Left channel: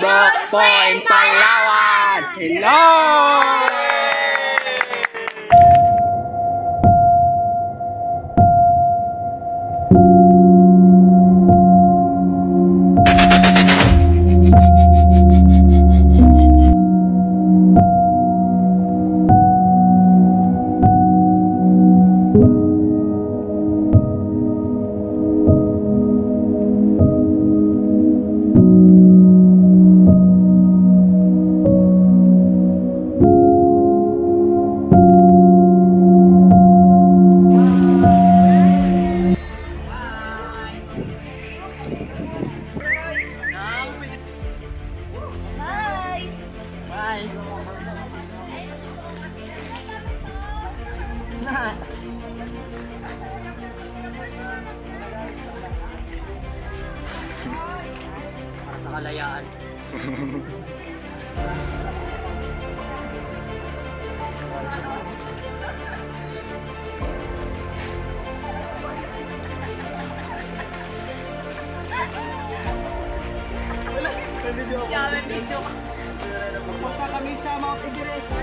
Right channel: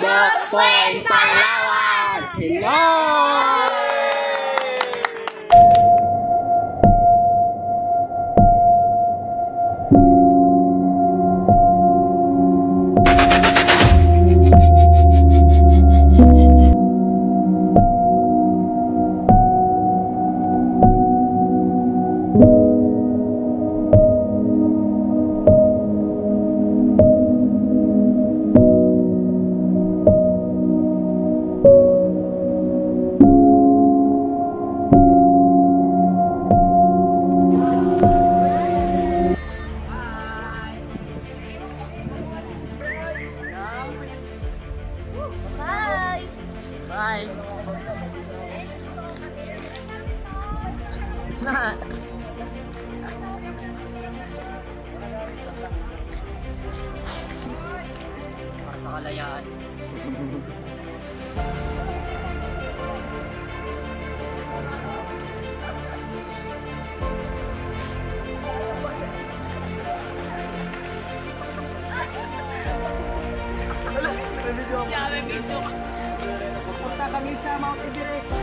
Brook Point, Palawan! Hello! Bye. Nah. Para sa kalayaan. May video ako. Yeah, may video. Pupunta kami sa Mount Everest.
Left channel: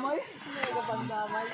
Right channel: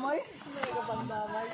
pandamay. Mega pandamay.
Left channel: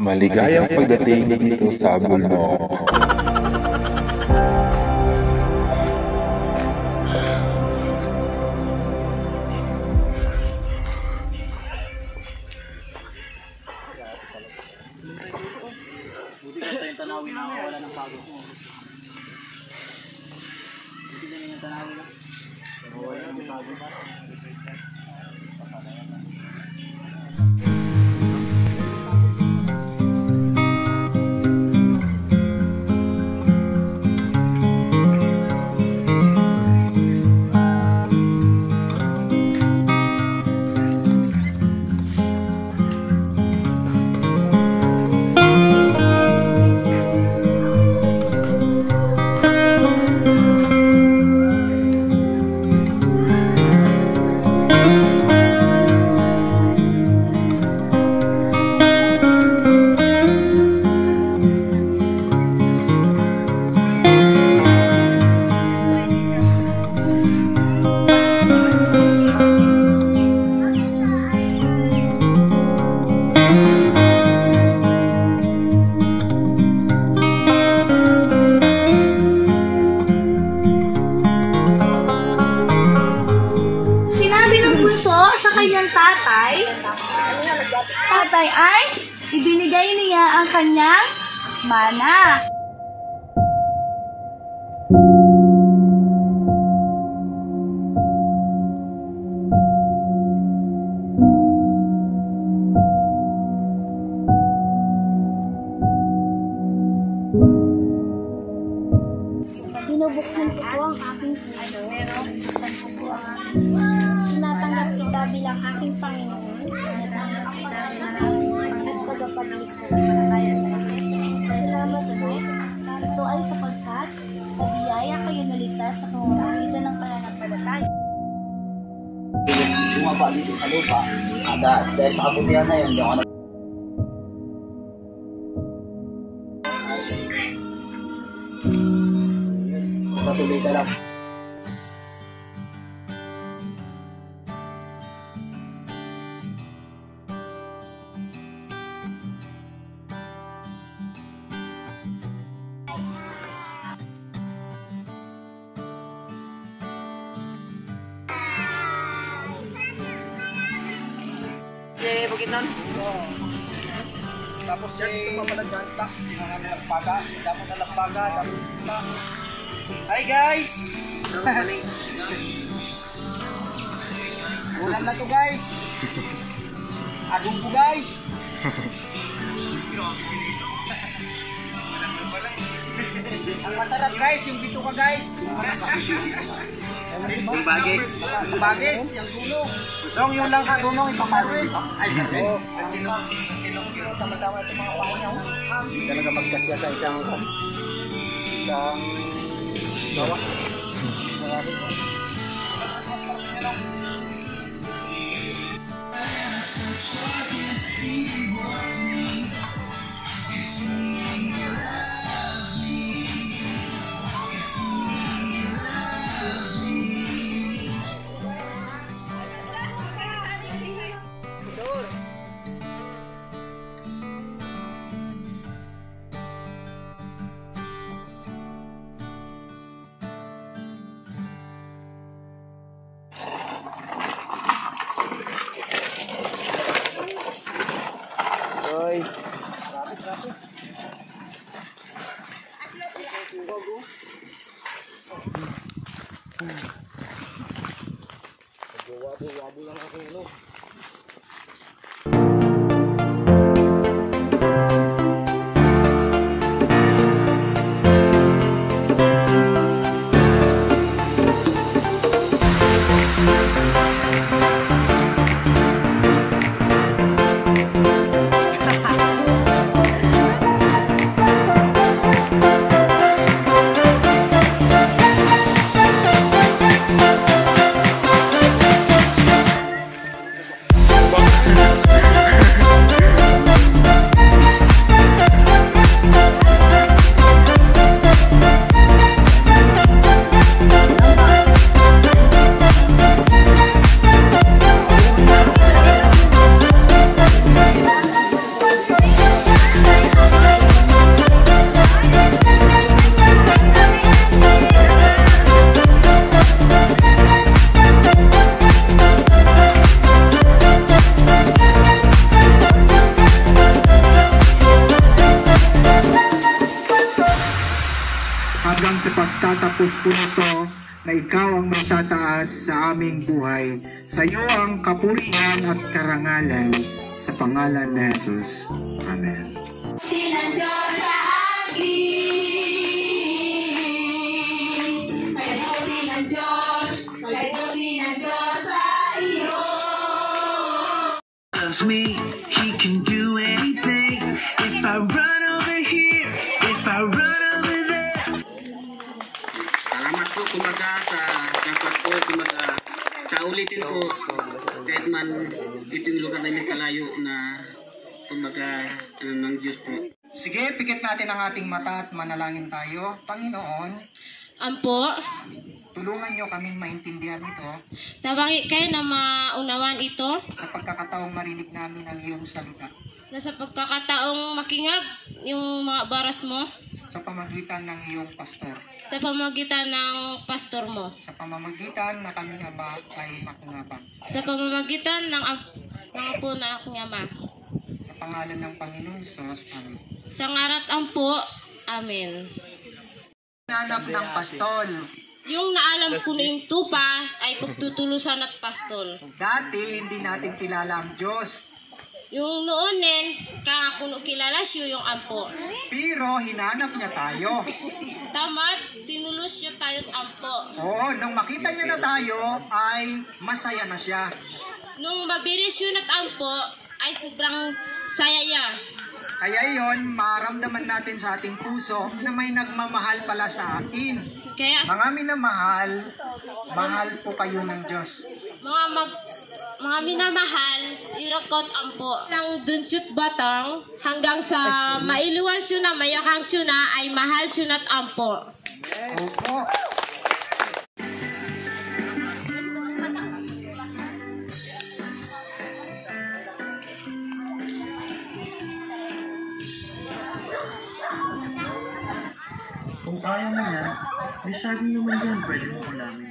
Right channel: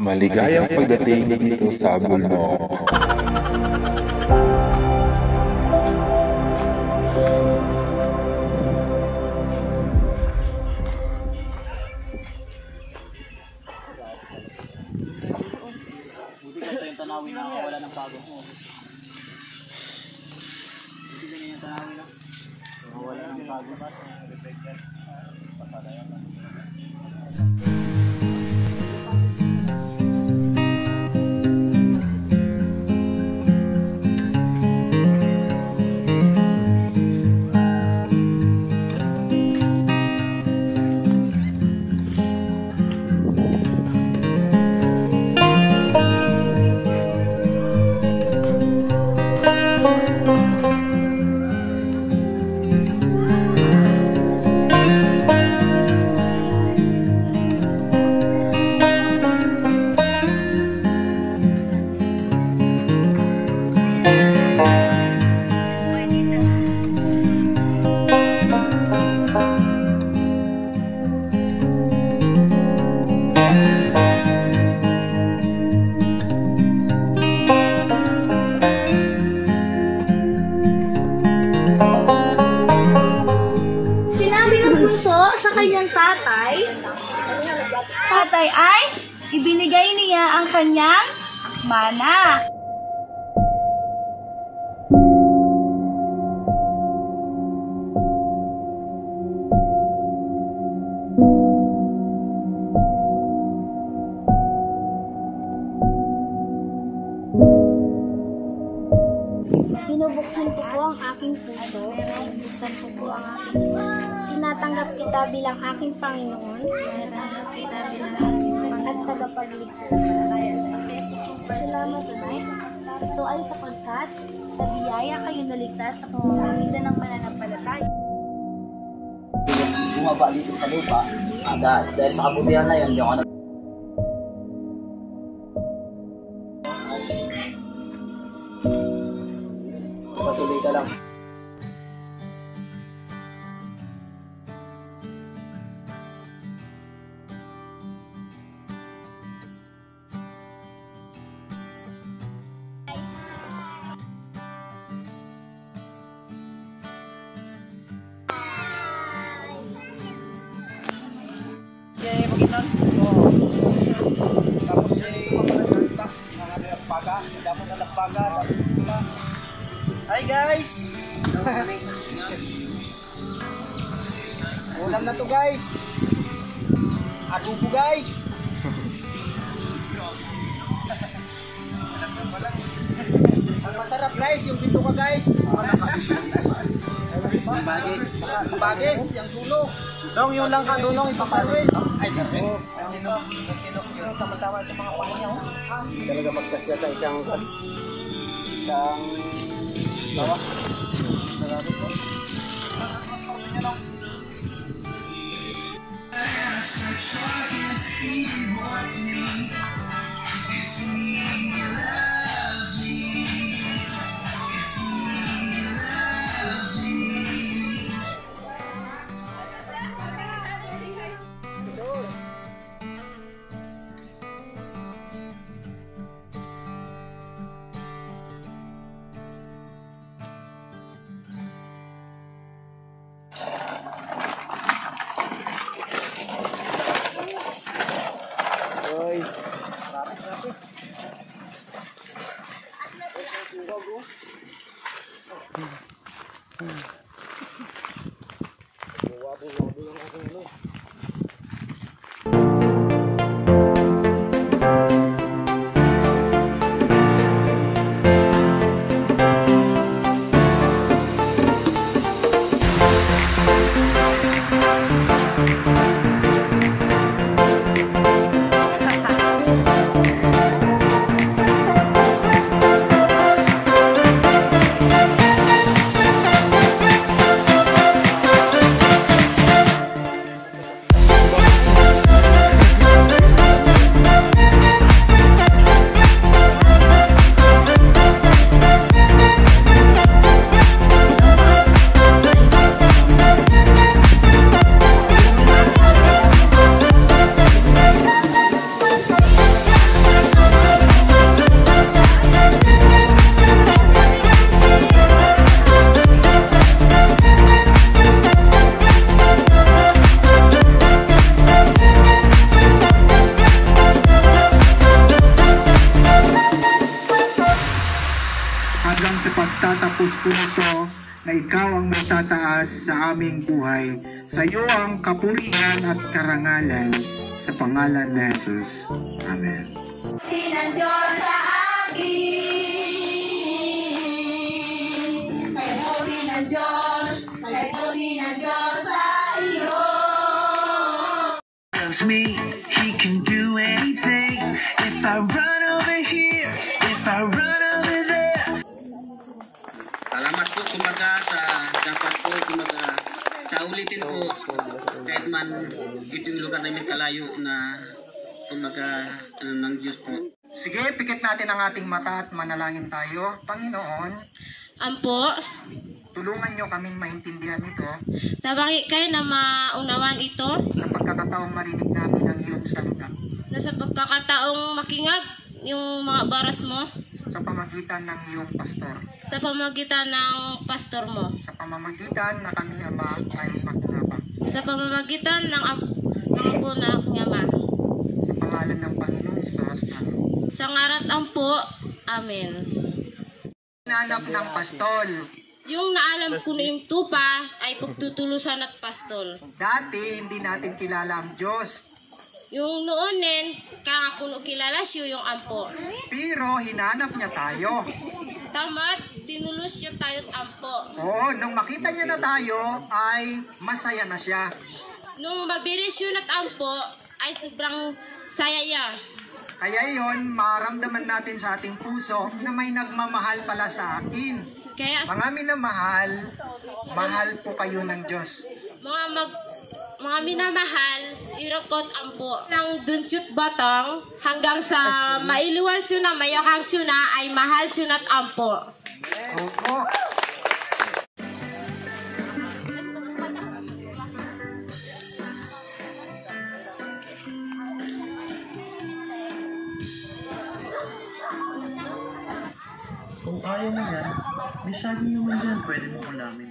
Maligayang pagdating dito sa Bulno. Buti ka yung tanawin na wala ng pagod mo. Buti ka yung tanawin na wala ng pagod. Kanyang tatay ay ibinigay niya ang kanyang mana. Binubuksan ko po ang aking puso. Binubuksan ko po ang aking puso. Tinatanggap kita bilang aking Panginoon at tagapagligtas. Salamat, Lord. Ito ay sapagkat sa biyaya kayo naligtas sa pamamagitan ng pananampalataya. Bumaba dito sa lupa, dahil sa kabutihan na yun, yung tuloy ka lang. Ginan. Tapos mga nalagpaga. Damo nalagpaga. Hi guys! Ulam na to guys. Adobo guys. Ang masarap guys, yung bito ka guys. Bagis. Bagis, yung dulo. Dong, yun lang ka, dunong ipaparwin. Ay, sir. Tama-tama sa mga pangunyaw. Talaga magkasya sa isang bawa. Marami po. Oy. Rapid. Hanggang sa pagtatapos po nito na ikaw ang matataas sa aming buhay. Sa iyo ang kapurihan at karangalan sa pangalan ni Jesus. Amen. Loves me, he can do anything. If I run over here, if I run over there. Salamat po kumaga sa dapat po kumaga sa ulitin po kahit man ito yung lugar namin kalayo na kumaga ng Diyos po. Sige, pikit natin ang ating mata at manalangin tayo. Panginoon, Ampo, tulungan niyo kaming maintindihan ito tabangi kayo na maunawan ito sa pagkakataong marinig namin ang iyong salita na sa pagkakataong makingag yung mga baras mo sa pamagitan ng iyong pastor. sa pamagitan ng pastor mo. Sa pamamagitan na kami Ama ay makinabang. Sa pamamagitan ng apo na aking Ama. Sa pangalan ng Panginoong Hesus. Amen. Sa ngarat Ampo. Amen. Nanap ng pastol. Yung naalam ko na yung tupa ay pagtutulusan at pastol. Dati hindi natin kilala ang Diyos. Yung noonin, kakakuno kilala siyo yung Ampo. Pero hinanap niya tayo. Tamat, tinulus siya tayo't Ampo. Oo, nung makita niya na tayo ay masaya na siya. Nung mabiris yun at Ampo, ay sobrang saya niya. Kaya yon, maramdaman natin sa ating puso na may nagmamahal pala sa atin. Kaya Mga minamahal, mahal po kayo ng Diyos. mga minamahal, irakot Ampo. Nang dunsyut batang, hanggang sa mailiwal siya na, mayakang siya na, ay mahal siya na't Ampo. Opo. Kung kaya mo yan, may sabi naman yan, pwede mo ko namin.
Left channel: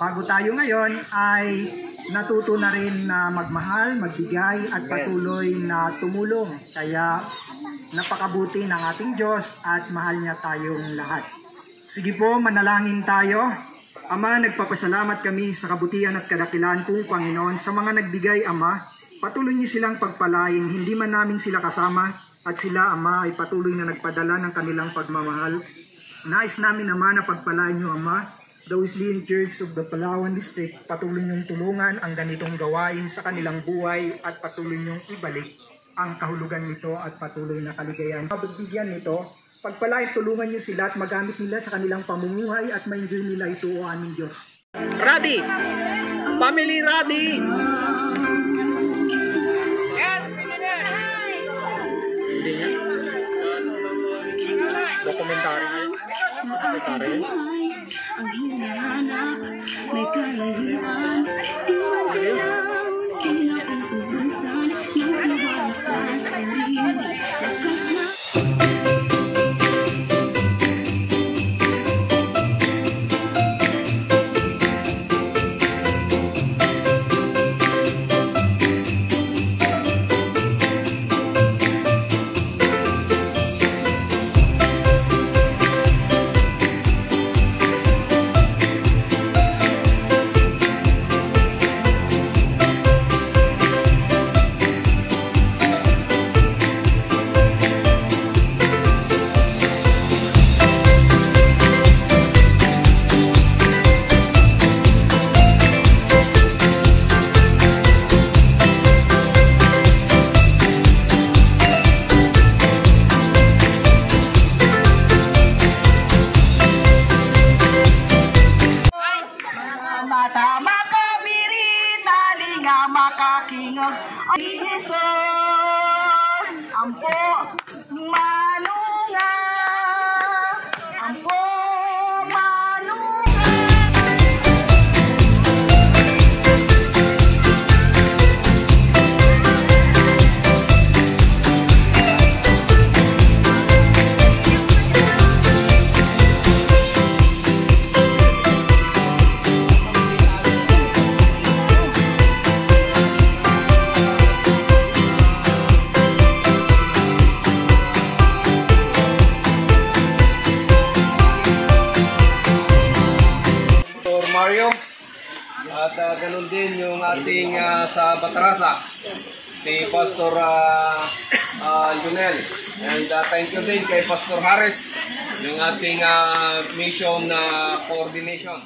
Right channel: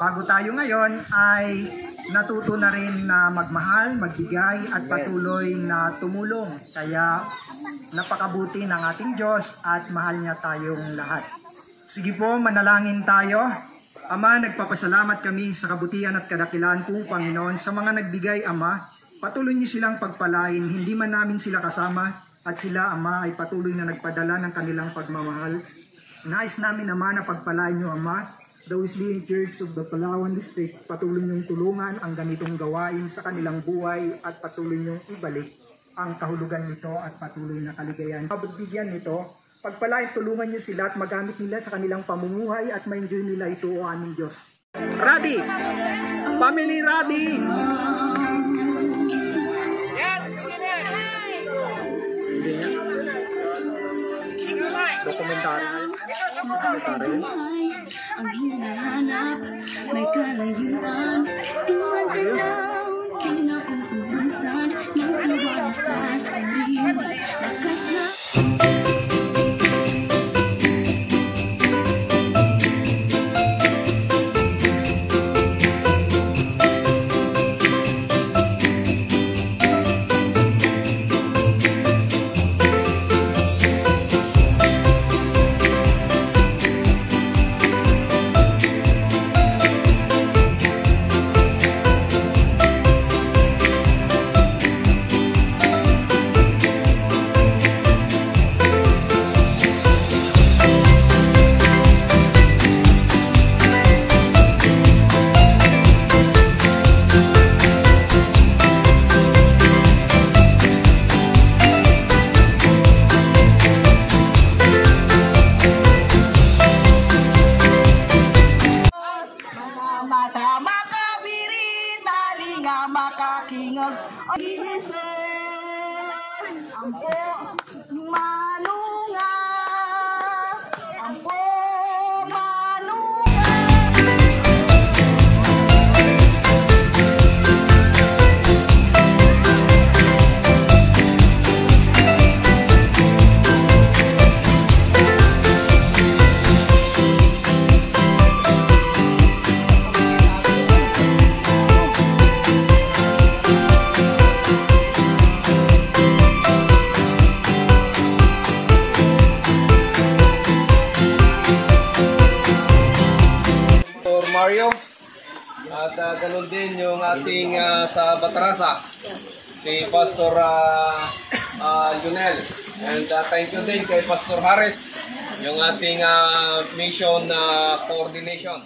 Bago tayo ngayon ay natuto na rin na magmahal, magbigay at patuloy na tumulong. Kaya napakabuti ng ating Diyos at mahal niya tayong lahat. Sige po, manalangin tayo. Ama, nagpapasalamat kami sa kabutihan at kadakilaan kong Panginoon sa mga nagbigay, Ama. Patuloy niyo silang pagpalain, hindi man namin sila kasama at sila, Ama, ay patuloy na nagpadala ng kanilang pagmamahal. Nais namin, Ama, na pagpalain niyo, Ama, the Wesleyan Church of the Palawan District. Patuloy niyong tulungan ang ganitong gawain sa kanilang buhay at patuloy niyong ibalik ang kahulugan nito at patuloy na kaligayahan. Pagbigyan nito, pagpalain, tulungan niyo sila at magamit nila sa kanilang pamumuhay at ma-enjoy nila ito, O aming Diyos. Ready! Family ready! Dokumentary. Ang hinahanap, may kalayuan, di maginaw, di natin kubansan, yung sa sarili, lakas na. Makakingog ay Jesus, ampo manunga, ampo manunga. Mario at ganun din yung ating sa Batarasa si Pastor Junel, and thank you din kay Pastor Harris yung ating mission coordination.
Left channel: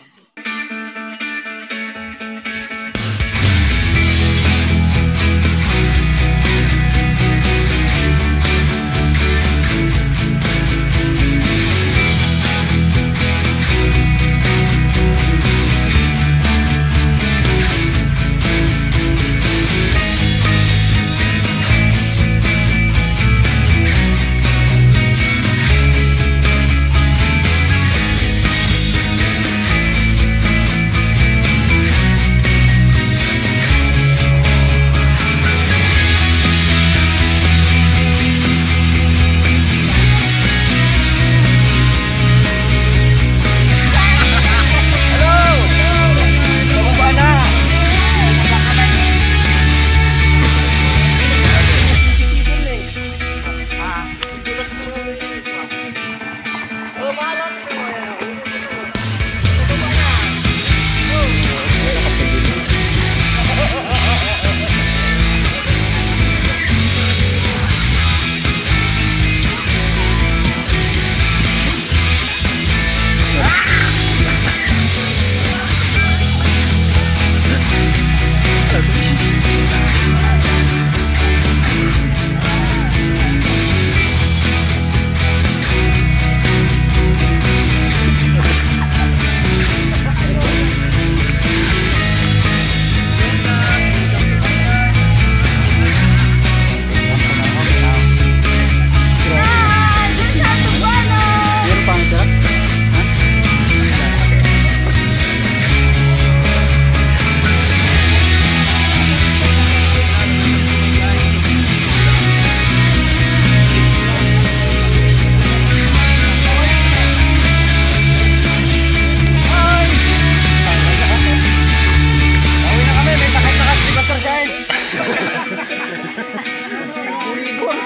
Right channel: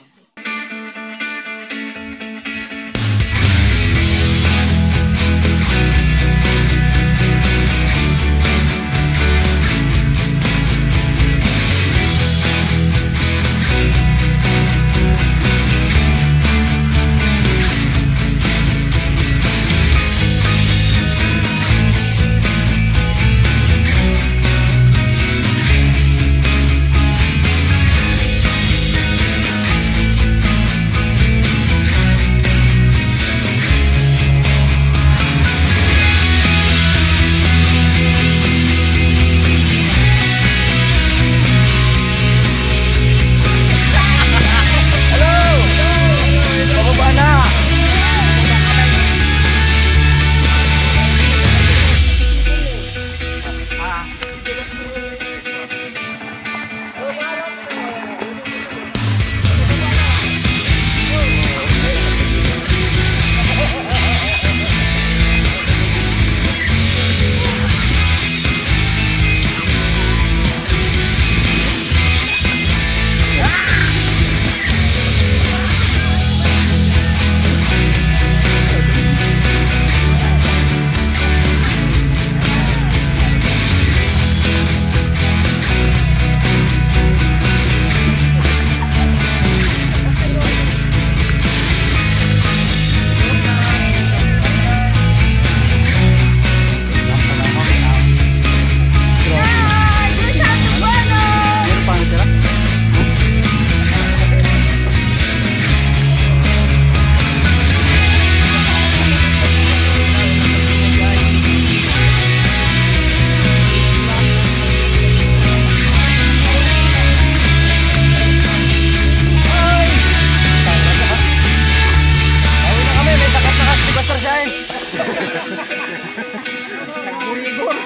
Nagbulibor.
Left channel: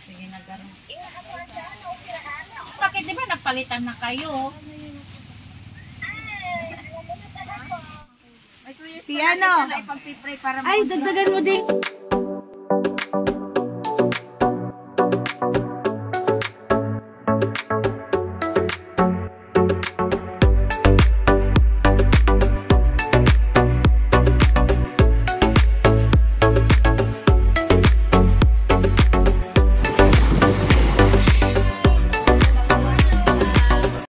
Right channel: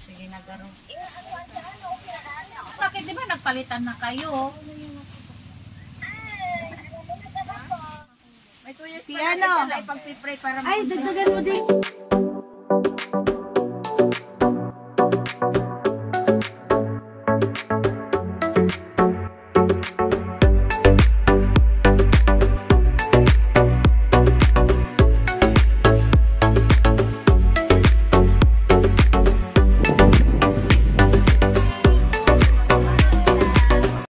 Sige na garo. Bakit di ba nagpalitan na kayo? Si ano? Ay, dagdagan mo din.